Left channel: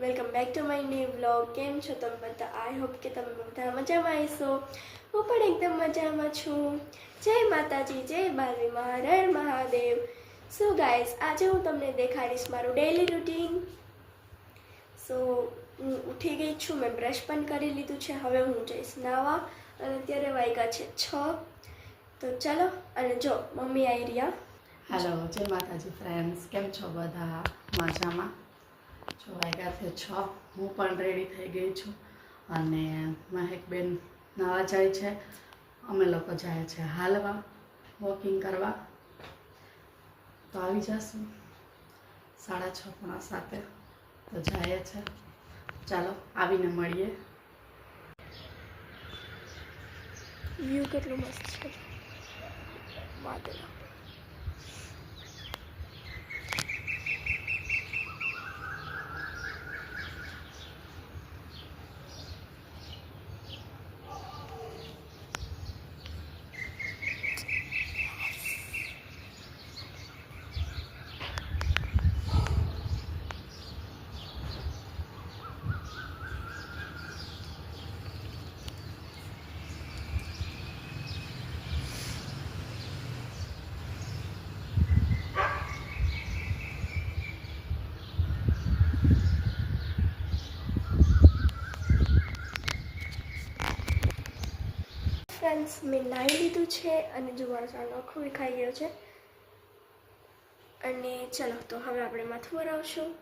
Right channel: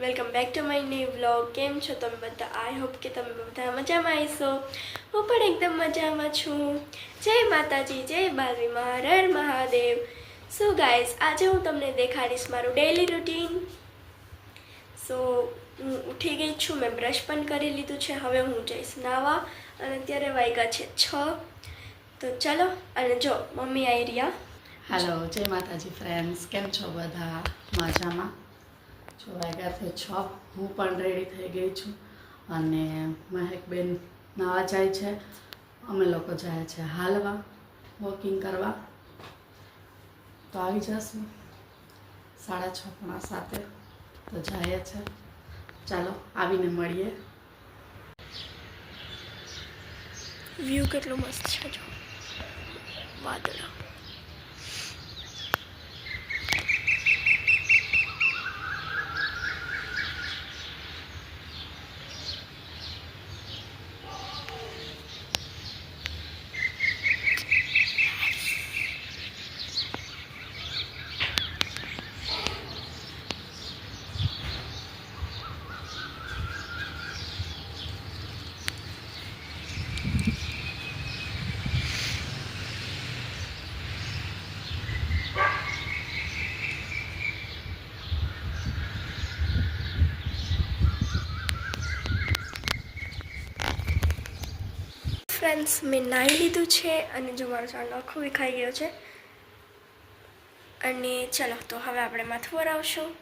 Welcome back to my new vlog કેમ છો તમે બધા? આઈ હોપ કે તમે બધા મજામાં આવીશો હું પણ એકદમ મજામાં છું. જય માતાજી, જય બાલવી મહારર મહાદેવ. સો ગાઈઝ આજે હું તમને દેખાડીશ મારું ડેઈલી રૂટીન સો હું ઉઠી ગઈ છું. મેં બ્રશ પણ કરી લીધું છે. હવે હું જઈશ નાવા. અને અત્યારે વાગ્યા છે છ. તો ચાલો, અને જો, મમ્મી આવી રહ્યા. હાલો જય માતાજી ફ્રેન્ડ્સ કેમ છો બધા? મજામાં? છો છે છ, હું પણ રેડી થઈ ગઈ છું અને મહેકબેન નાવા જાય છે. અમે લોકો જાય છે હાલવા વોકિંગ કરવા. તો આવી જશું. સાડા છ પોણા સાતે તો જાય છે. ચાલો, આવીને મળીએ. વ્યૂ કેટલો મસ્ત છે જો. વાદળા. ફ્રેન્ડ્સ મેં નાહી લીધું છે અને જો મારો ચાંદલો આખો વિખાઈ ગયો છે. અને ચલો, તો હવે આપણે માથું વરાવશું.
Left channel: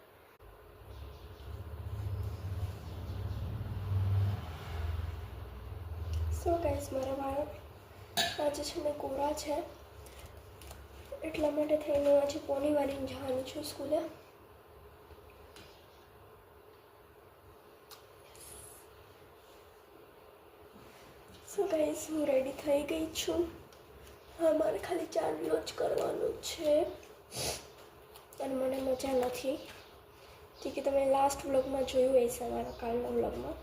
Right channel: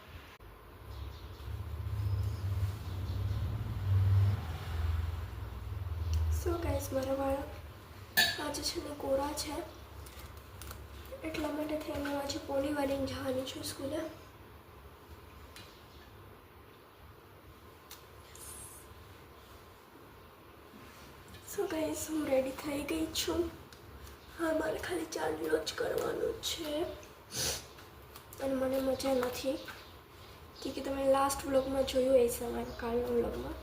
સો ગાઈસ મારા વાળ આજે છે ને કોરા છે. એટલા માટે થઈને આજે પોની વાળીને જવાની છું સ્કૂલે. સો ગાઈઝ હું રેડી થઈ ગઈ છું. હા, મારે ખાલી ચાંદલો જ કરવાનો છે. અને મને મજા નથી. કે તમે લાસ્ટ વ્લોગમાં જોયું એ સમારો કાલના વ્લોગમાં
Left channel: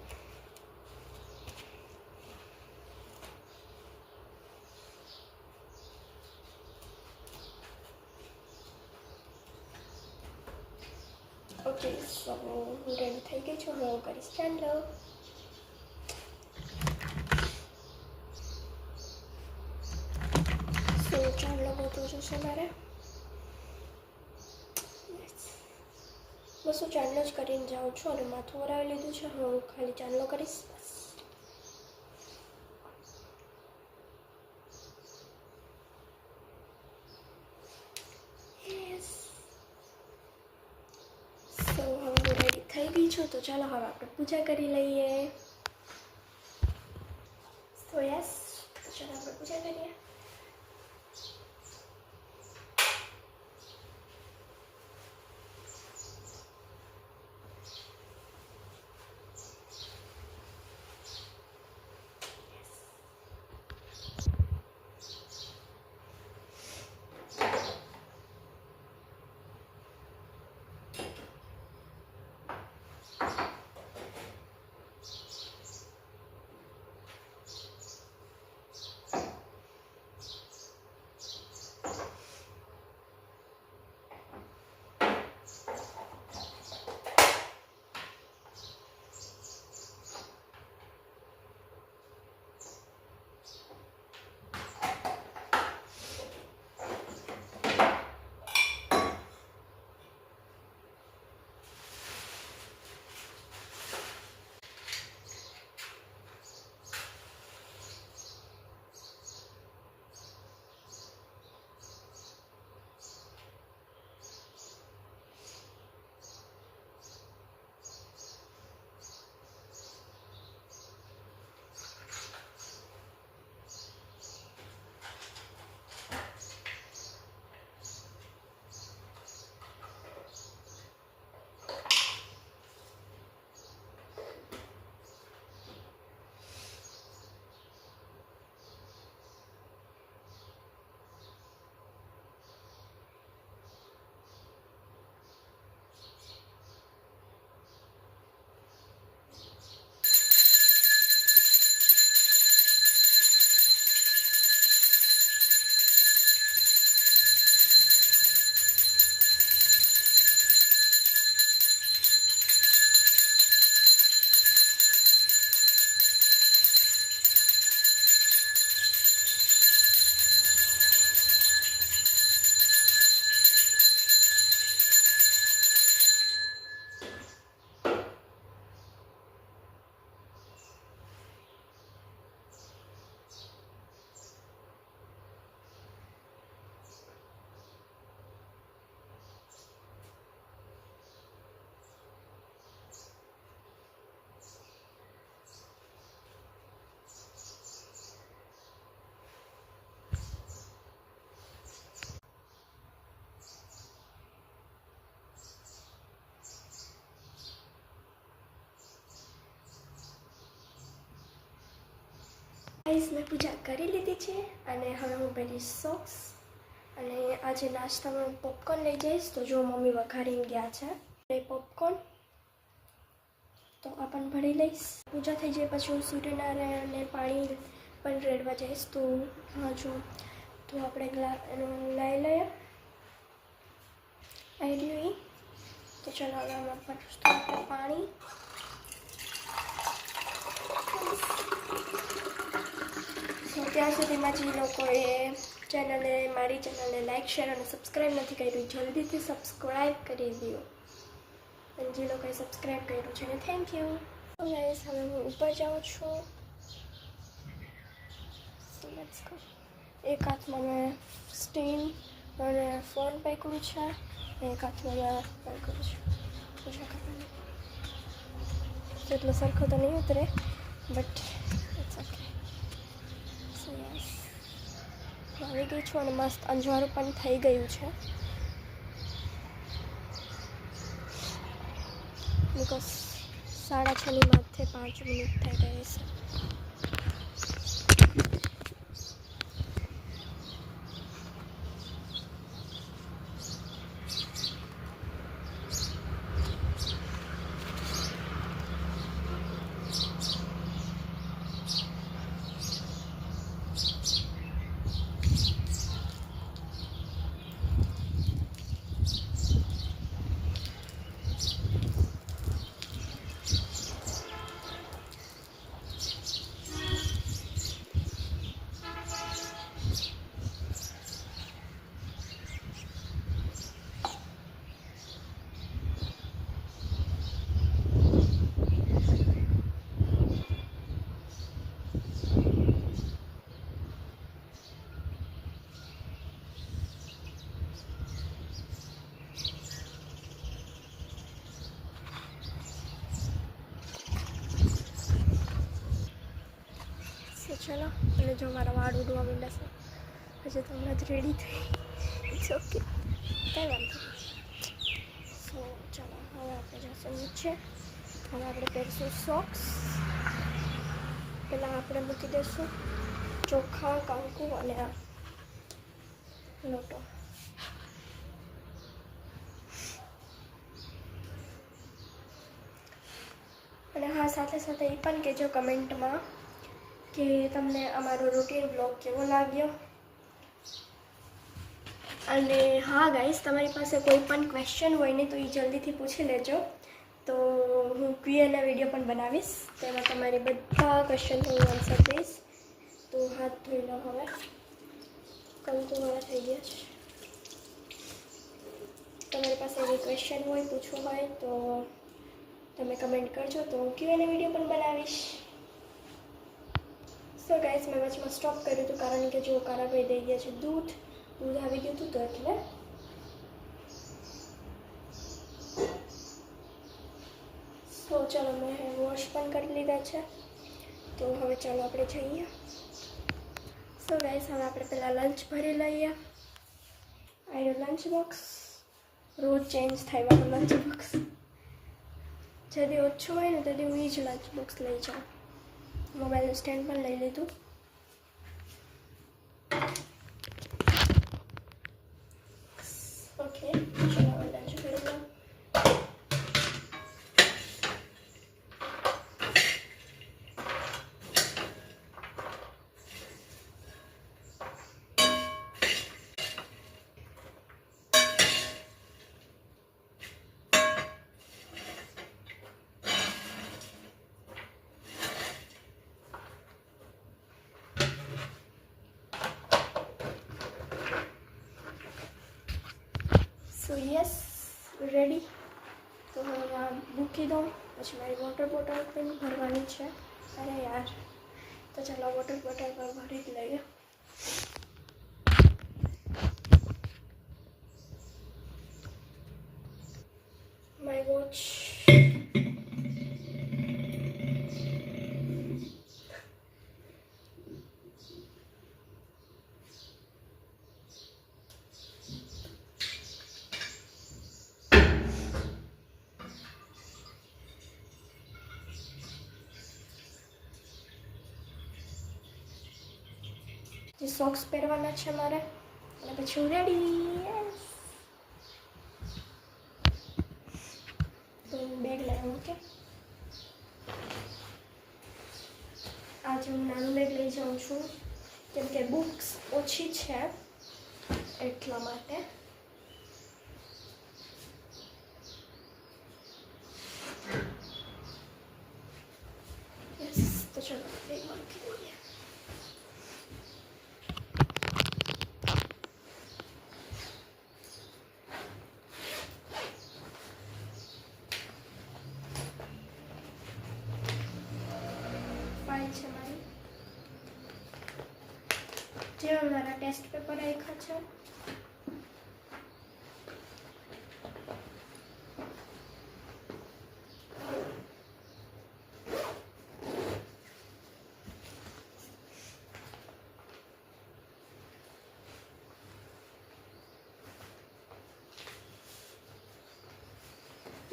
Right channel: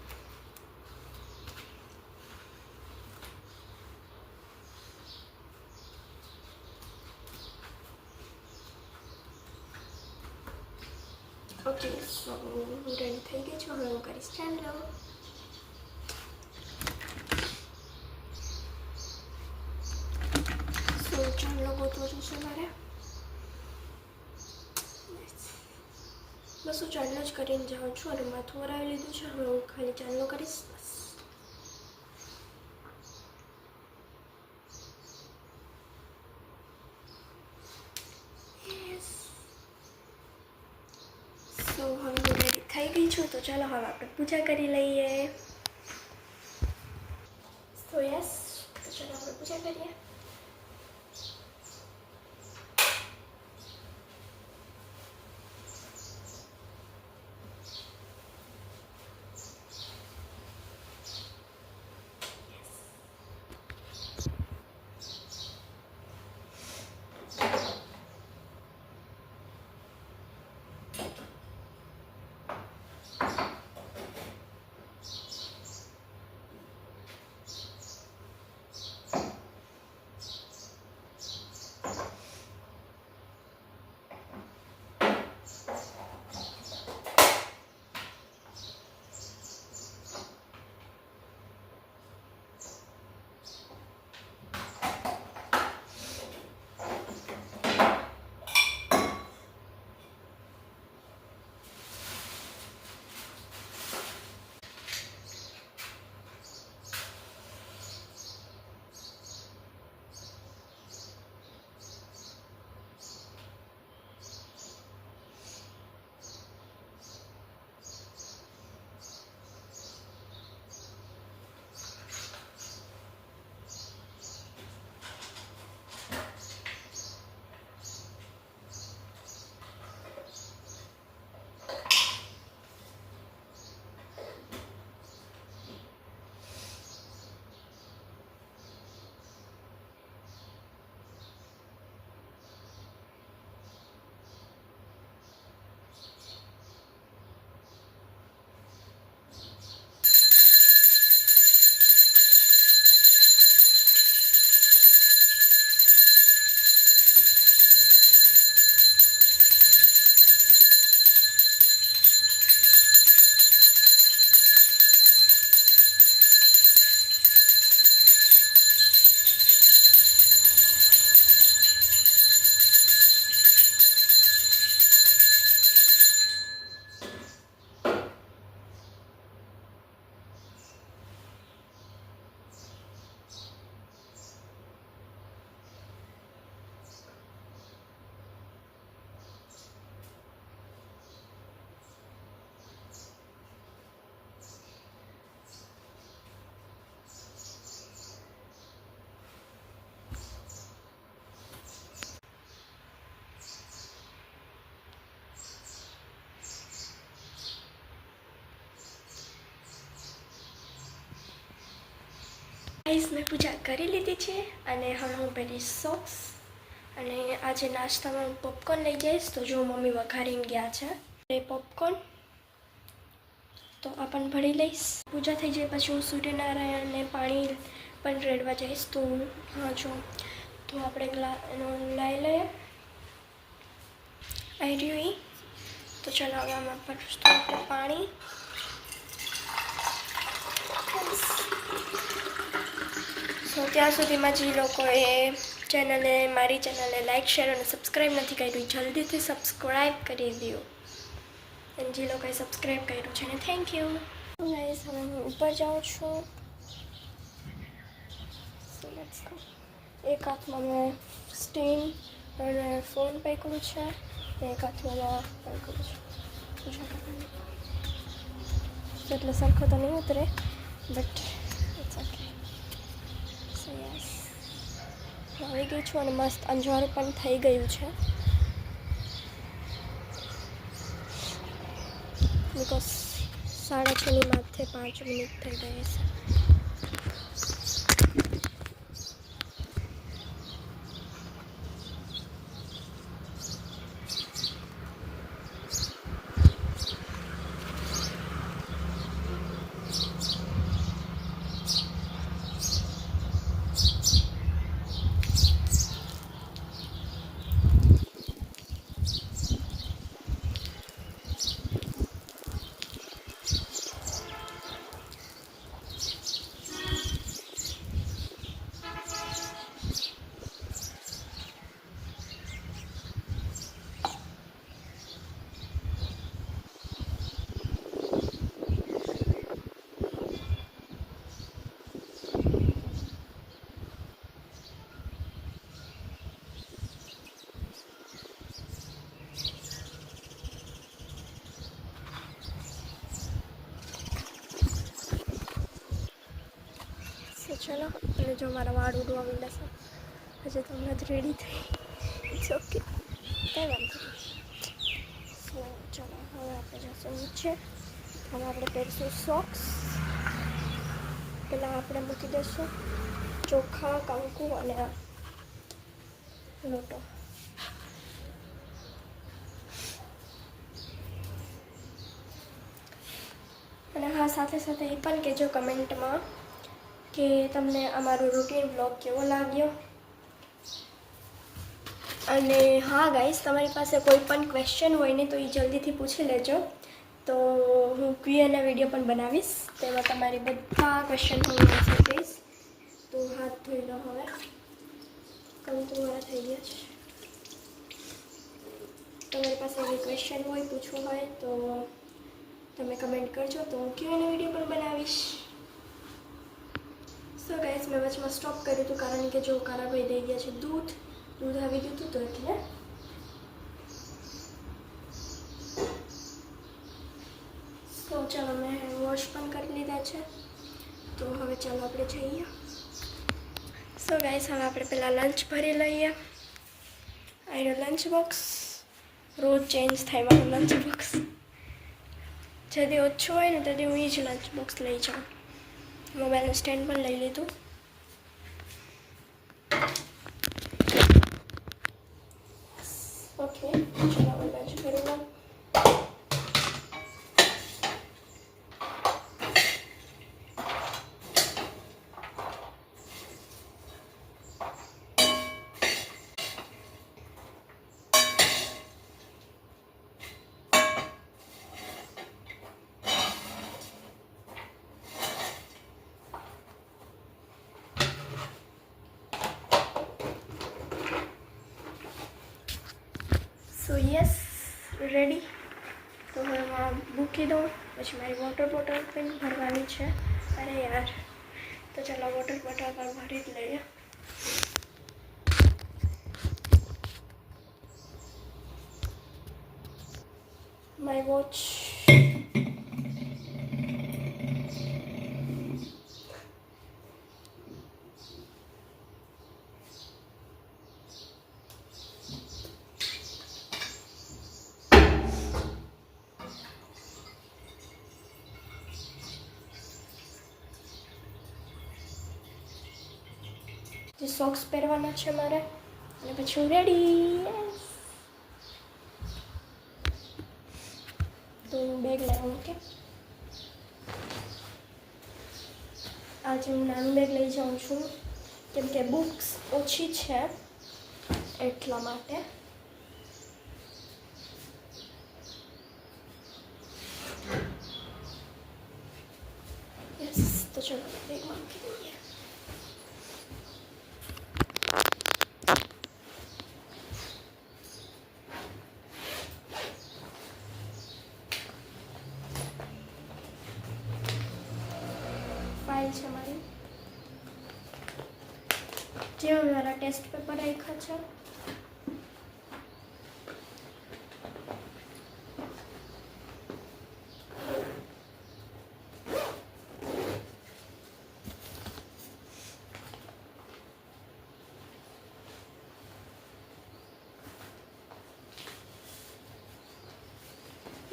ઓકે સો હું રેડી થઈ ગઈ છું. હવે હું કરીશ. ચાંદલો ચાંદલો ગોતવો જશે મારે. બસ. હું ચાંદલો જ કરીને જાઉં છું અને માથું વરાવી લીધું છે. હવે હું ખાલી ચાંદલો કરીશ. બસ. સો હવે હું રેડી થઈ ગઈ છું. તો ચાલો હવે આપણે પૂજા કરી લઈએ. તો યસ તો ચાલો આપણે પૂજા કરીએ. ગાઈઝ મેં પૂજા કરી લીધી છે અને હવે હું પહેરીશ સોક્સ અને આજે નાસ્તામાં હું પોપકોર્ન લઈ જઈશ. તો જો મમ્મી વઘારીને ગયા છે, એ પોપકોર્ન તો આ ભરી લઈશ. પૂજા થઈ જાય પછી હું સૂર્યનારાયણને પાણી પણ રેડવા જઈશ. તો હા જો. તો આપણે એનો લઈ લઈએ. આવી રહ્યું તો ચલાવવામાં આપણે પાણી. તો ત્યાં સુધીમાં જે લોકોએ ચેનલે મારી ચેનલને લાઇક શેર અને સબસ્ક્રાઈબ નથી કર્યું જલ્દીથી સબસ્ક્રાઈબ કરી દો અને જે લોકોએ સબસ્ક્રાઈબ કર્યું છે ને થેન્ક યુ ગાઈસ હવે હું ઉપર જાઉં છું. એક હાથમાં મેં સ્ટીમ અને ફોન પકડ્યું છે. એક હાથમાં મેં પકડ્યું છે. પૂજા કરવાની એટલો સરખો તો નહીં ઉતરે but it's okay so yes આવી ગઈ છું અને મસ્ત અંજવાળું પણ થઈ ગયું છે. બિકોઝ સાડા છની માથે પાંચ મિનિટ થઈ ગઈ છે. ચલો, અને જો મારા વાળ ઉડવા માંડ્યા છે પછી તો હમણાં જ રેડી થઈ. ઇટ્સ ઓકે કંઈ વાંધો સો ચલો, હવે આપણે જશું નીચે. હવે આપણે પહેરીશું સોક્સ પહેલાં આપણે મૂકી દઈશું ચોખા, કંકુ અને લોટો. અને હા, સાથે સાથે એ પણ કહેજો કમેન્ટમાં કે તમને અમારો રૂટીન બ્લોગ કેવો લાગ્યો? અને હા ગાઈસ તમારી પાસે કોઈ પણ ક્વેશ્ચન હોય ને, તો એ જલ્દીથી પૂછી લેજો. તો હું ક્યુએના વીડિયો પણ બનાવીશ. તેમાં તમારી બધા ક્વેશ્ચન હું આન્સર દઈશ તો હાથ ધોઈ લો હવે. કામ તો મારા થઈ ગયા છે. તમારી પાસે કોઈ ક્વેશ્ચન હોય, પૂછવું હોય, તો તમે કમેન્ટ કરજો. તો હું ક્યુએના વીડિયો પણ બનાવીશ. સો ગાઈસ મેં વચમાં સ્ટોપ કર્યું હતું કારણ કે જો કારાભાઈ દઈ ગયા છે દૂધ દૂધ આવી ગયું હતું તો એટલે તો ચાલો મેં વોશ પણ કરી લીધા છે. તો હવે ચાલો આપણે જઈએ. સો ગાઈસ હવે આપણે પહેલાં લંચ ભરી લઈએ. આઈનો લંચ બોક્સ રોજ ચેન્જ થાય મારું લંચ બોક્સ જદી ઓછું હોય ને તેથી હું એ જ લંચ બોક્સ લઈ જાઉં. મોબાઈલનું સ્ટેન્ડ પણ લઈ લીધું ઓકે ચલો હવે લંચ કરી લઉં સો યસ રેડી તો હવે હું મૂકી દઉં. પછી મારી વોટર બોટલ પણ ભરવાની છે. અરે યાર. તો ચાલો વોટર બોટલ પણ ભરી જ લઈએ. માય વોચ જે સોક્સ પહેરવાના છે મારે. અને પછી હું રેડી તો હું બેગ લાવું કે આજે હું નાનું બેગ લઈ જાઉં છું. કેમ કે બુક્સ ઓછી છે એટલા માટે યસ તો ચલો બેગમાં મૂકી દઈએ ફાઇલ છે મારી જેમાં મારા ટેસ્ટ પેપર રાખ્યા છે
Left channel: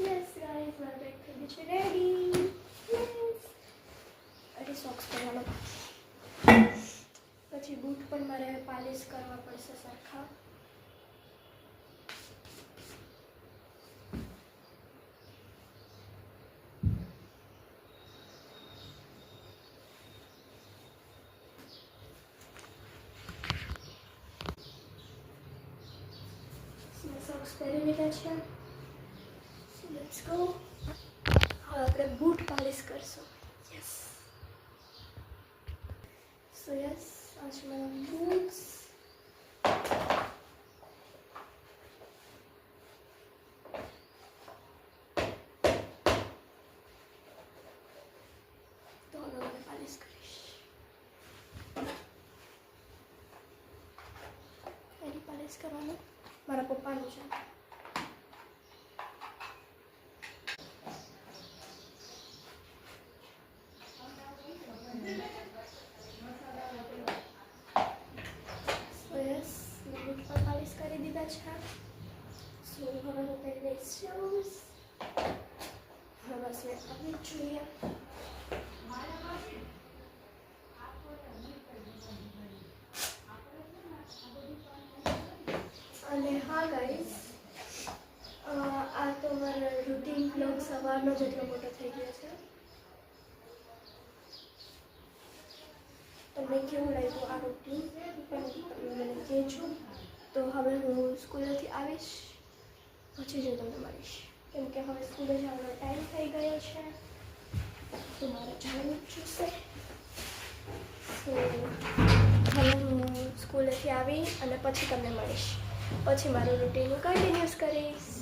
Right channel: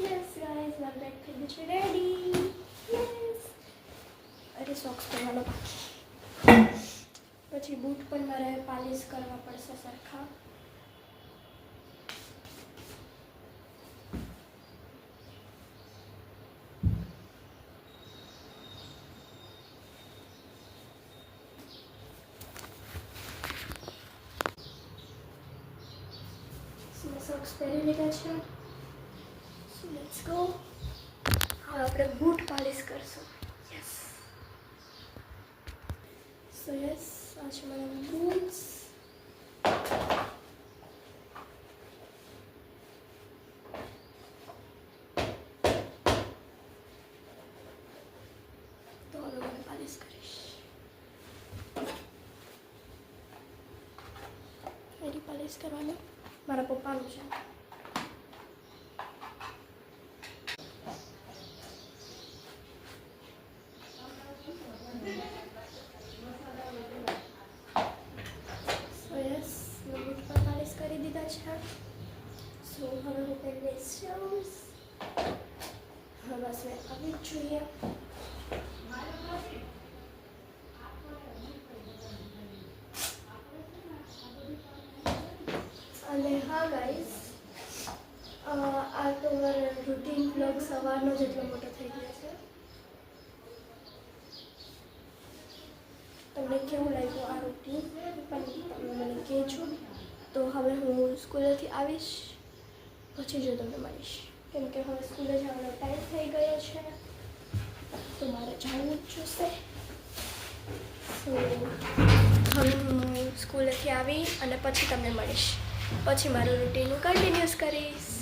યસ ગાઈઝ મારું બેગ થઈ ગયું છે રેડી યસ અરે સોક્સ પહેરવાનો બાકી પછી બૂટ પણ મારે પાલિશ કરવા પડશે સરખા. મેં સોક્સ પહેરી લીધા છે? સો લેટ્સ ગો હવે આપણે બૂટ પાલિશ કરશું. યસ સો યસ આ છે મારા બૂટ્સ તો હવે મને પાલિશ કરીશ એની પાલિશ કરવાનું મારા પપ્પાનું છે સો યસ મેં બૂટ પર પાલિશ કરી દીધા છે સો હવે હું પહેરી લઈશ શૂઝ હવે બસ મેં આવી જ જોઈએ અને હા ગાઈસ આ તો મારો રૂટીન બ્લોગ સવારનો જેટલો મોટો થઈ ગયો છે તમને કેવું લાગ્યું આ રૂટીન પણ તમે મને કહેજો તો હવે હું સ્કૂલેથી આવીશ. પછી જો તમને મળીશ. કેમ કે હવે સ્કૂલે જવાનો ટાઈમ થઈ ગયો છે. તો મારે જવું જ જોશે. તો હવે હું સ્કૂલેથી આવી અને પછી તમને મળીશ. પછી મારું રૂટીન હું કન્ટિન્યુઅસ કરીશ.